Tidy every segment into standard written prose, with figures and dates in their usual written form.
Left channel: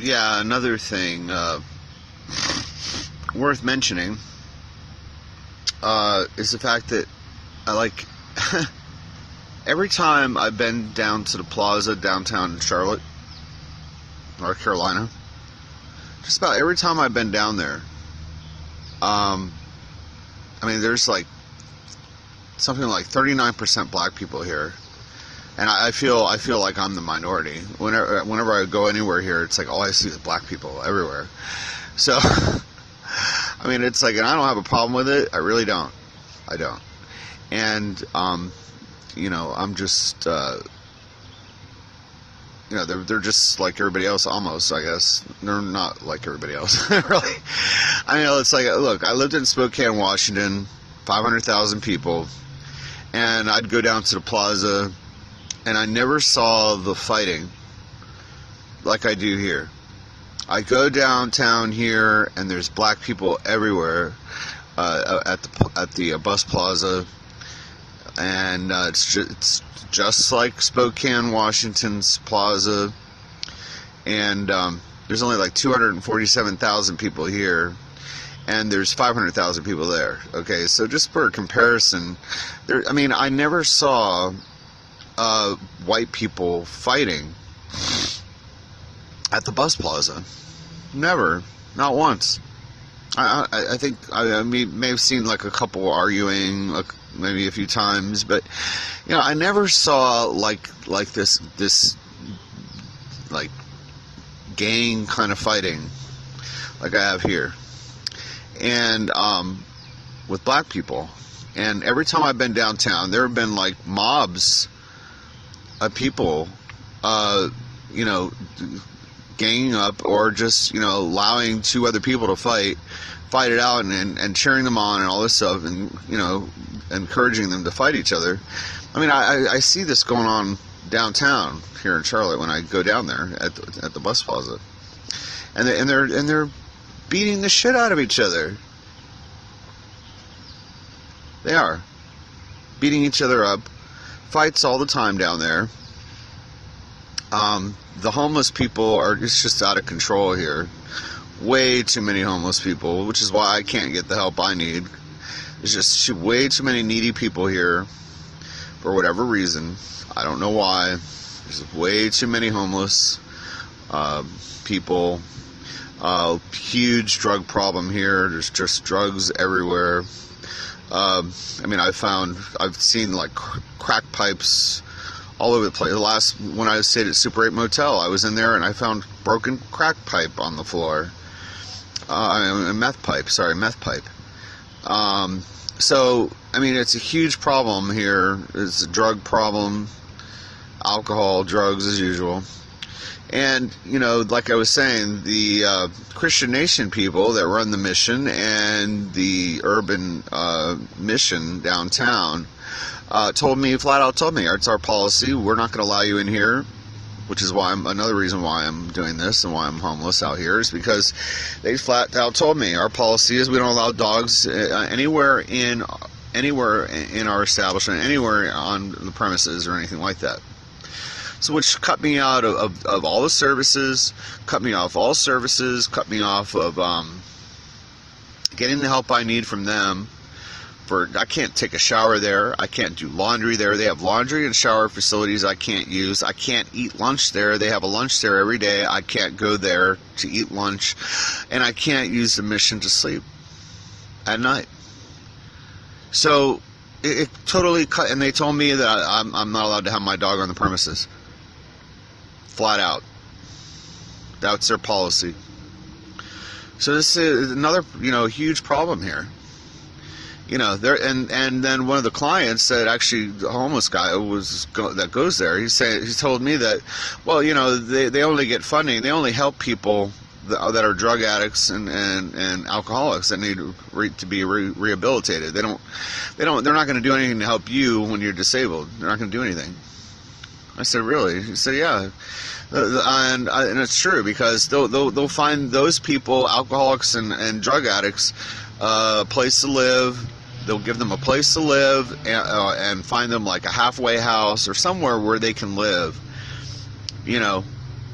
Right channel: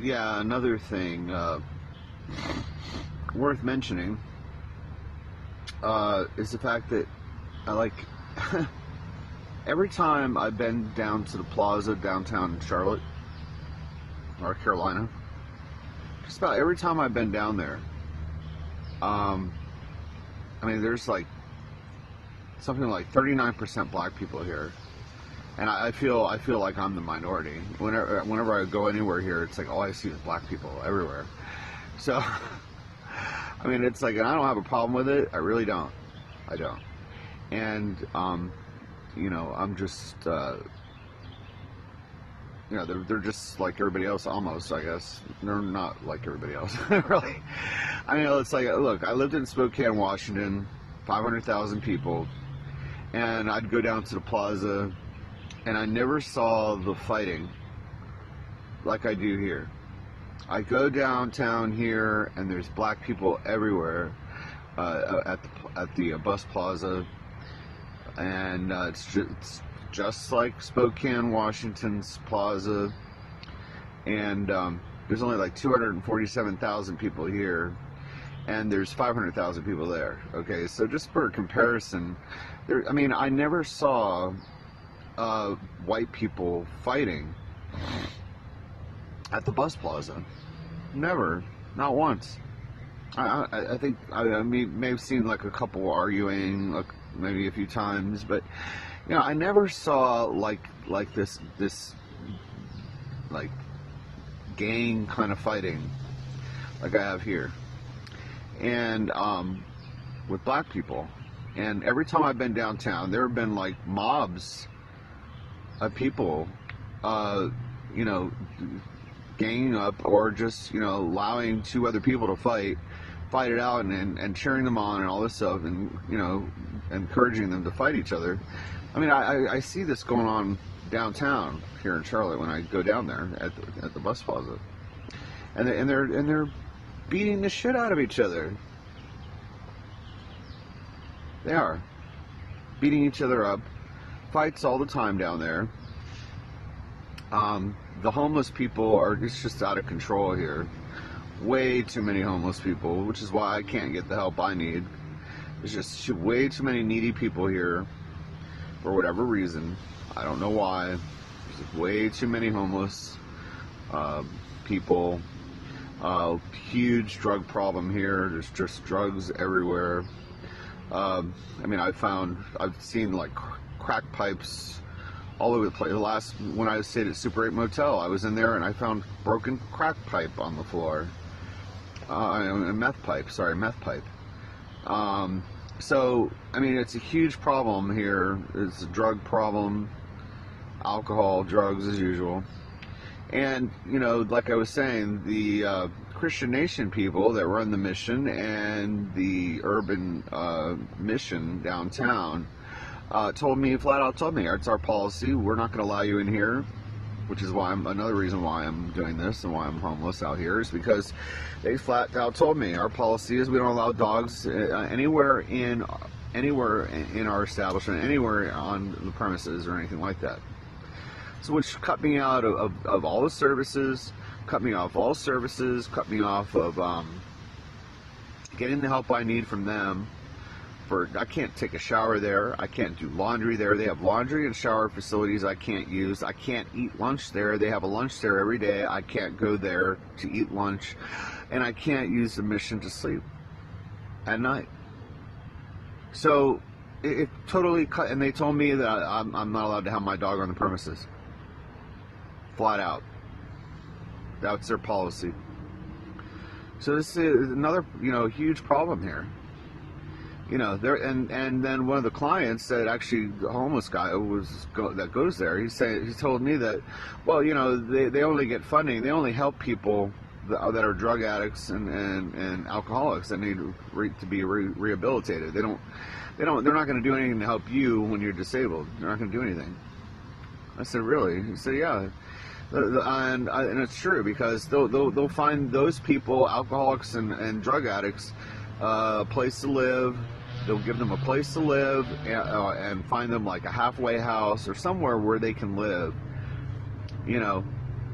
Yeah, another thing worth mentioning is the fact that I like every time I've been down to the plaza downtown in Charlotte, North Carolina, just about every time I've been down there, um, I mean, there's like something like 39% black people here, and I feel like I'm the minority. Whenever I go anywhere here, it's like all I see is black people everywhere. So, I mean, it's like, and I don't have a problem with it. I really don't. I don't. And I'm just they're just like everybody else almost, I guess. They're not like everybody else, really. I mean, it's like, look, I lived in Spokane, Washington, 500,000 people, and I'd go down to the plaza, and I never saw the fighting like I do here. I go downtown here, and there's black people everywhere at the bus plaza, and it's just like Spokane, Washington's plaza, and there's only like 247,000 people here, and there's 500,000 people there. Okay, so just for a comparison, I mean, I never saw white people fighting at the bus plaza. Never, not once. I think I may have seen like a couple arguing, like maybe a few times, but I never saw like this like gang kind of fighting like I have here, and with black people. And every time I've been downtown, there have been like mobs of people, ganging up, or just allowing two other people to fight it out, and cheering them on and all this stuff, and encouraging them to fight each other. I mean, I see this going on downtown here in Charlotte when I go down there at the bus plaza, and they're beating the shit out of each other. They are beating each other up. Fights all the time down there. The homeless people are just out of control here. Way too many homeless people, which is why I can't get the help I need. There's just way too many needy people here for whatever reason. I don't know why. There's way too many homeless people. Huge drug problem here. There's just drugs everywhere. I mean, I've seen like crack pipes all over the place. When I stayed at Super 8 Motel, I was in there and I found broken crack pipe on the floor. Meth pipe. So, I mean, it's a huge problem here. It's a drug problem, alcohol, drugs as usual. And, like I was saying, the Christian Nation people that run the mission and the urban mission downtown flat out told me, it's our policy, we're not going to allow you in here, which is why another reason why I'm doing this and why I'm homeless out here, is because they flat out told me our policy is we don't allow dogs anywhere in our establishment, anywhere on the premises or anything like that. So which cut me out of all the services, cut me off all services, cut me off of getting the help I need from them. I can't take a shower there. I can't do laundry there. They have laundry and shower facilities I can't use. I can't eat lunch there. They have a lunch there every day. I can't go there to eat lunch. And I can't use the mission to sleep at night. So it totally cut. And they told me that I'm not allowed to have my dog on the premises. Flat out. That's their policy. So this is another, huge problem here. And then one of the clients that actually the homeless guy that goes there, he told me that, well, they only get funding, they only help people that are drug addicts and alcoholics that need to be rehabilitated. They're not going to do anything to help you when you're disabled. They're not going to do anything. I said, really? He said, yeah. And it's true, because they'll find those people, alcoholics and drug addicts, a place to live. They'll give them a place to live and find them like a halfway house or somewhere where they can live,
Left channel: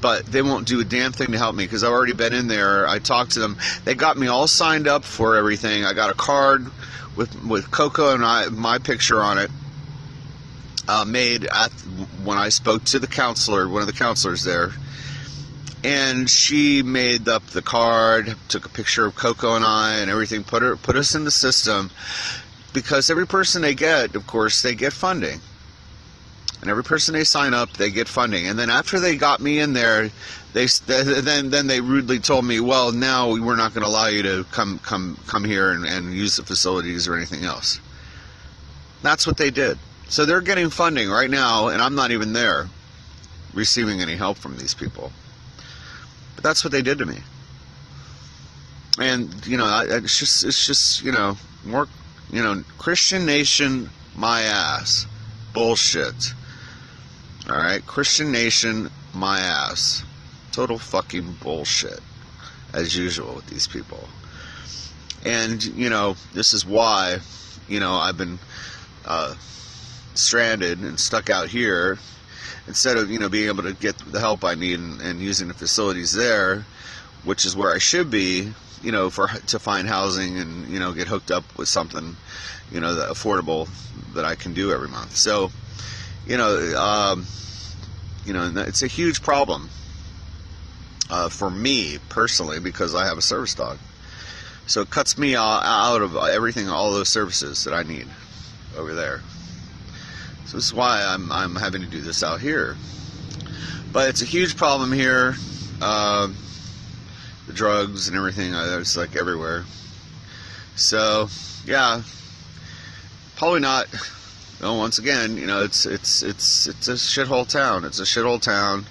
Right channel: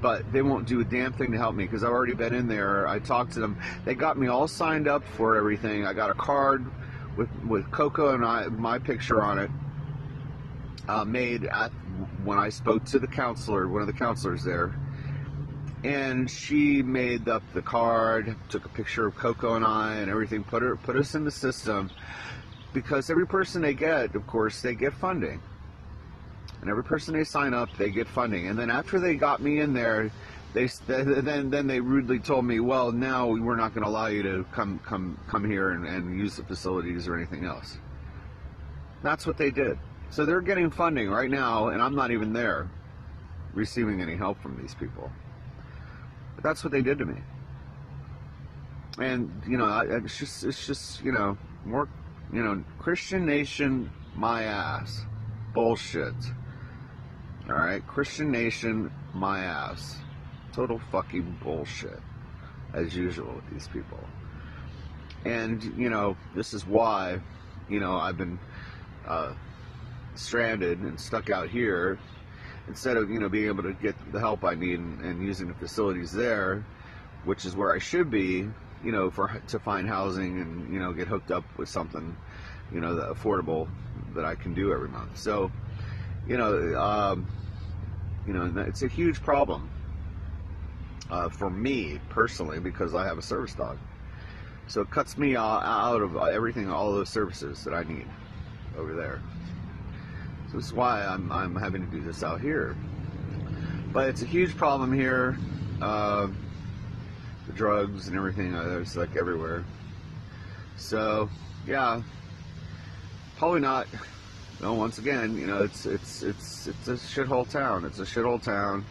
but they won't do a damn thing to help me because I've already been in there. I talked to them. They got me all signed up for everything. I got a card with Coco and my picture on it, made when I spoke to the counselor, one of the counselors there, and she made up the card, took a picture of Coco and I and everything, put us in the system, because every person they get, of course, they get funding. And every person they sign up, they get funding. And then after they got me in there, then they rudely told me, well, now we're not going to allow you to come here and use the facilities or anything else. That's what they did. So they're getting funding right now, and I'm not even there receiving any help from these people. But that's what they did to me. And, you know, it's just, you know, more, you know, Christian Nation, my ass. Bullshit. Alright, Christian Nation, my ass. Total fucking bullshit, as usual with these people. And, you know, this is why, you know, I've been stranded and stuck out here, instead of, you know, being able to get the help I need and using the facilities there, which is where I should be, you know, to find housing and, you know, get hooked up with something, you know, that affordable that I can do every month. So, you know, it's a huge problem for me personally, because I have a service dog. So it cuts me out of everything, all those services that I need over there. So this is why I'm having to do this out here. But it's a huge problem here. The drugs and everything, it's like everywhere. So yeah, probably not. You know, once again, you know, it's a shithole town. It's a shithole town.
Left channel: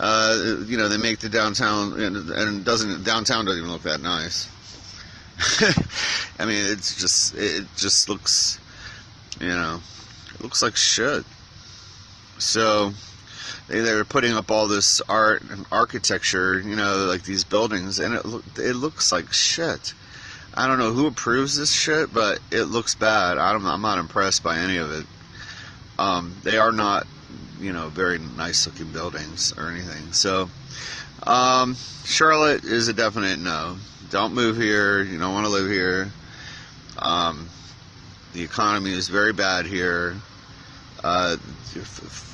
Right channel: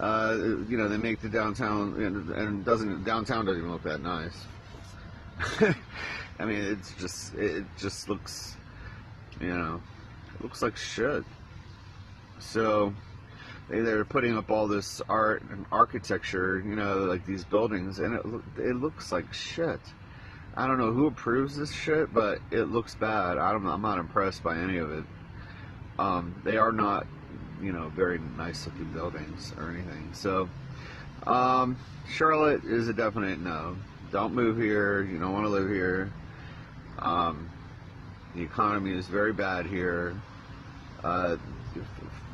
You know, they make the downtown, and downtown doesn't even look that nice. I mean, it just looks, you know, it looks like shit. So they're putting up all this art and architecture, you know, like these buildings, and it looks like shit. I don't know who approves this shit, but it looks bad. I'm not impressed by any of it. They are not, you know, very nice looking buildings or anything. So, Charlotte is a definite no. Don't move here. You don't want to live here. The economy is very bad here.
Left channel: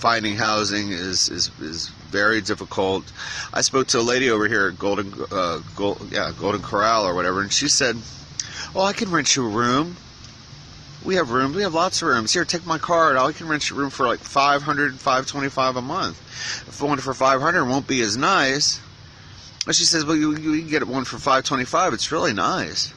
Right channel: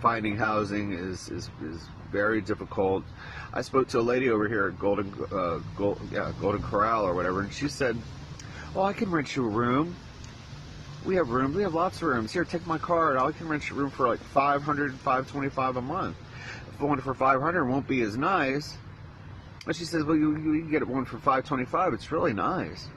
Finding housing is very difficult. I spoke to a lady over here at Golden Corral or whatever, and she said, "Oh, I can rent you a room. We have rooms. We have lots of rooms. Here, take my card. I can rent you a room for like $500, $525 a month. If one for $500, it won't be as nice." But she says, "Well, you can get one for $525. It's really nice."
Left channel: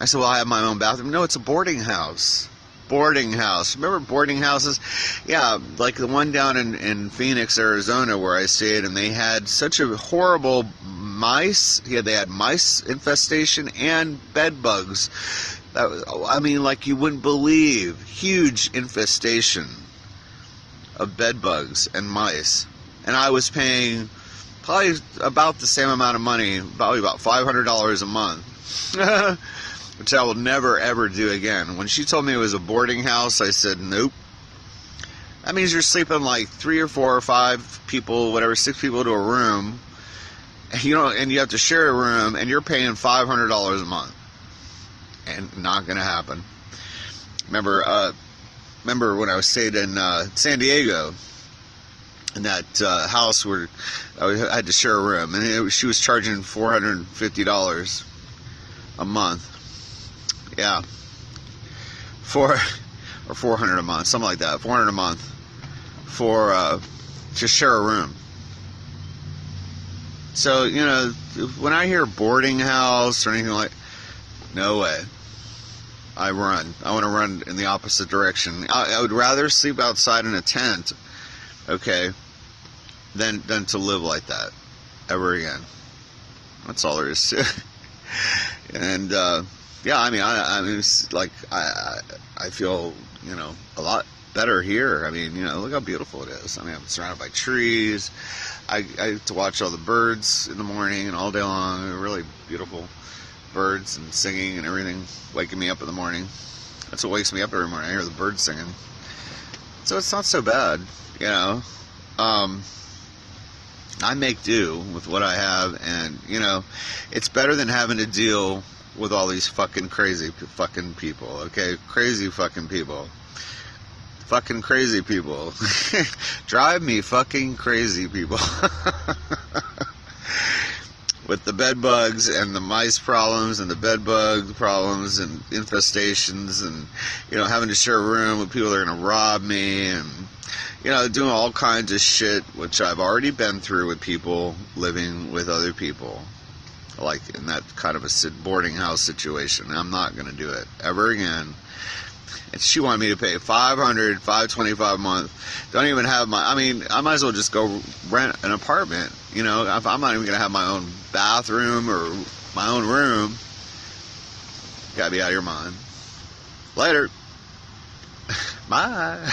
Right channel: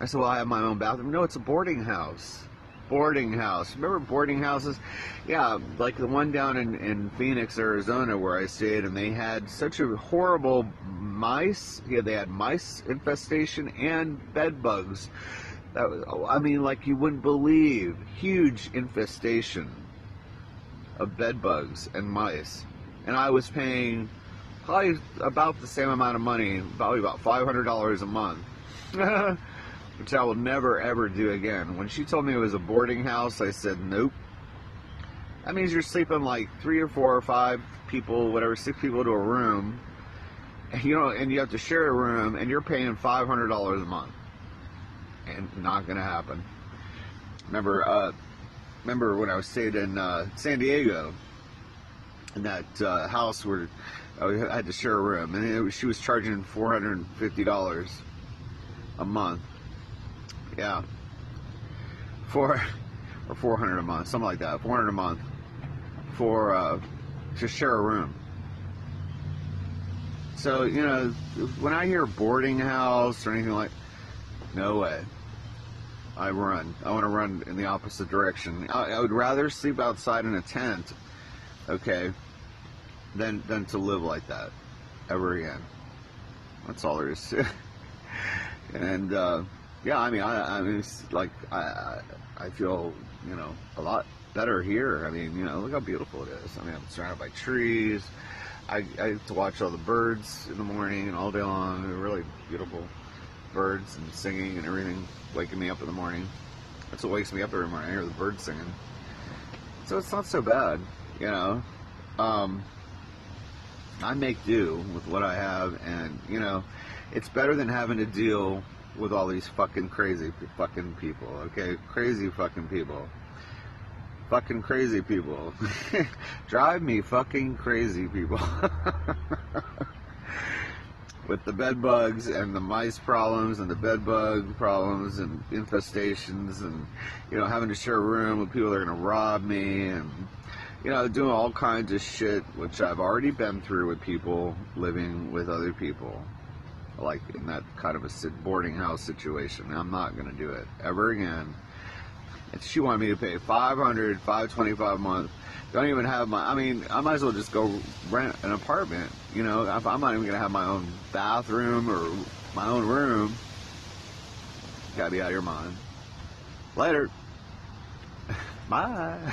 I said, "Well, I have my own bathroom." "No, it's a boarding house." Boarding house. Remember boarding houses? Yeah, like the one down in Phoenix, Arizona, where I stayed, and they had such a horrible mice. Yeah, they had mice infestation and bed bugs. I mean, like you wouldn't believe. Huge infestation of bed bugs and mice. And I was paying probably about the same amount of money, probably about $500 a month. Which I will never ever do again. When she told me it was a boarding house, I said, nope. That means you're sleeping like 3 or 4 or 5 people, whatever, 6 people to a room. You know, and you have to share a room, and you're paying $500 a month. And not gonna happen. Remember when I stayed in San Diego, in that house where I had to share a room, and she was charging $450 a month. Yeah, or $400 a month, something like that. $400 a month for to share a room. So, you know, when I hear boarding house or anything like, no way. I want to run in the opposite direction. I would rather sleep outside in a tent, okay, than to live like that ever again. That's all there is to it. And yeah, I mean, it's like I feel, you know, a lot better here. I mean, you know, look how beautiful it is. I mean, I'm surrounded by trees. I get to watch all the birds in the morning and all day long. They're really beautiful birds and singing and everything, waking me up in the morning. That's what wakes me up every morning. I hear the birds singing. So it's not so bad, you know. I make do with what I have, and you know, it's better than having to deal with all these fucking crazy fucking people. Okay, crazy fucking people. Fucking crazy people. Drive me fucking crazy people. With the bed bugs and the mice problems and the bed bug problems and infestations and, you know, having to share a room with people that are going to rob me and, you know, doing all kinds of shit, which I've already been through with people living with other people. Like in that kind of a boarding house situation. I'm not going to do it ever again. And she wanted me to pay $525 a month. Don't even have my, I mean, I might as well just go rent an apartment. You know, if I'm not even going to have my own bathroom or my own room. Gotta be out of your mind. Later. Bye.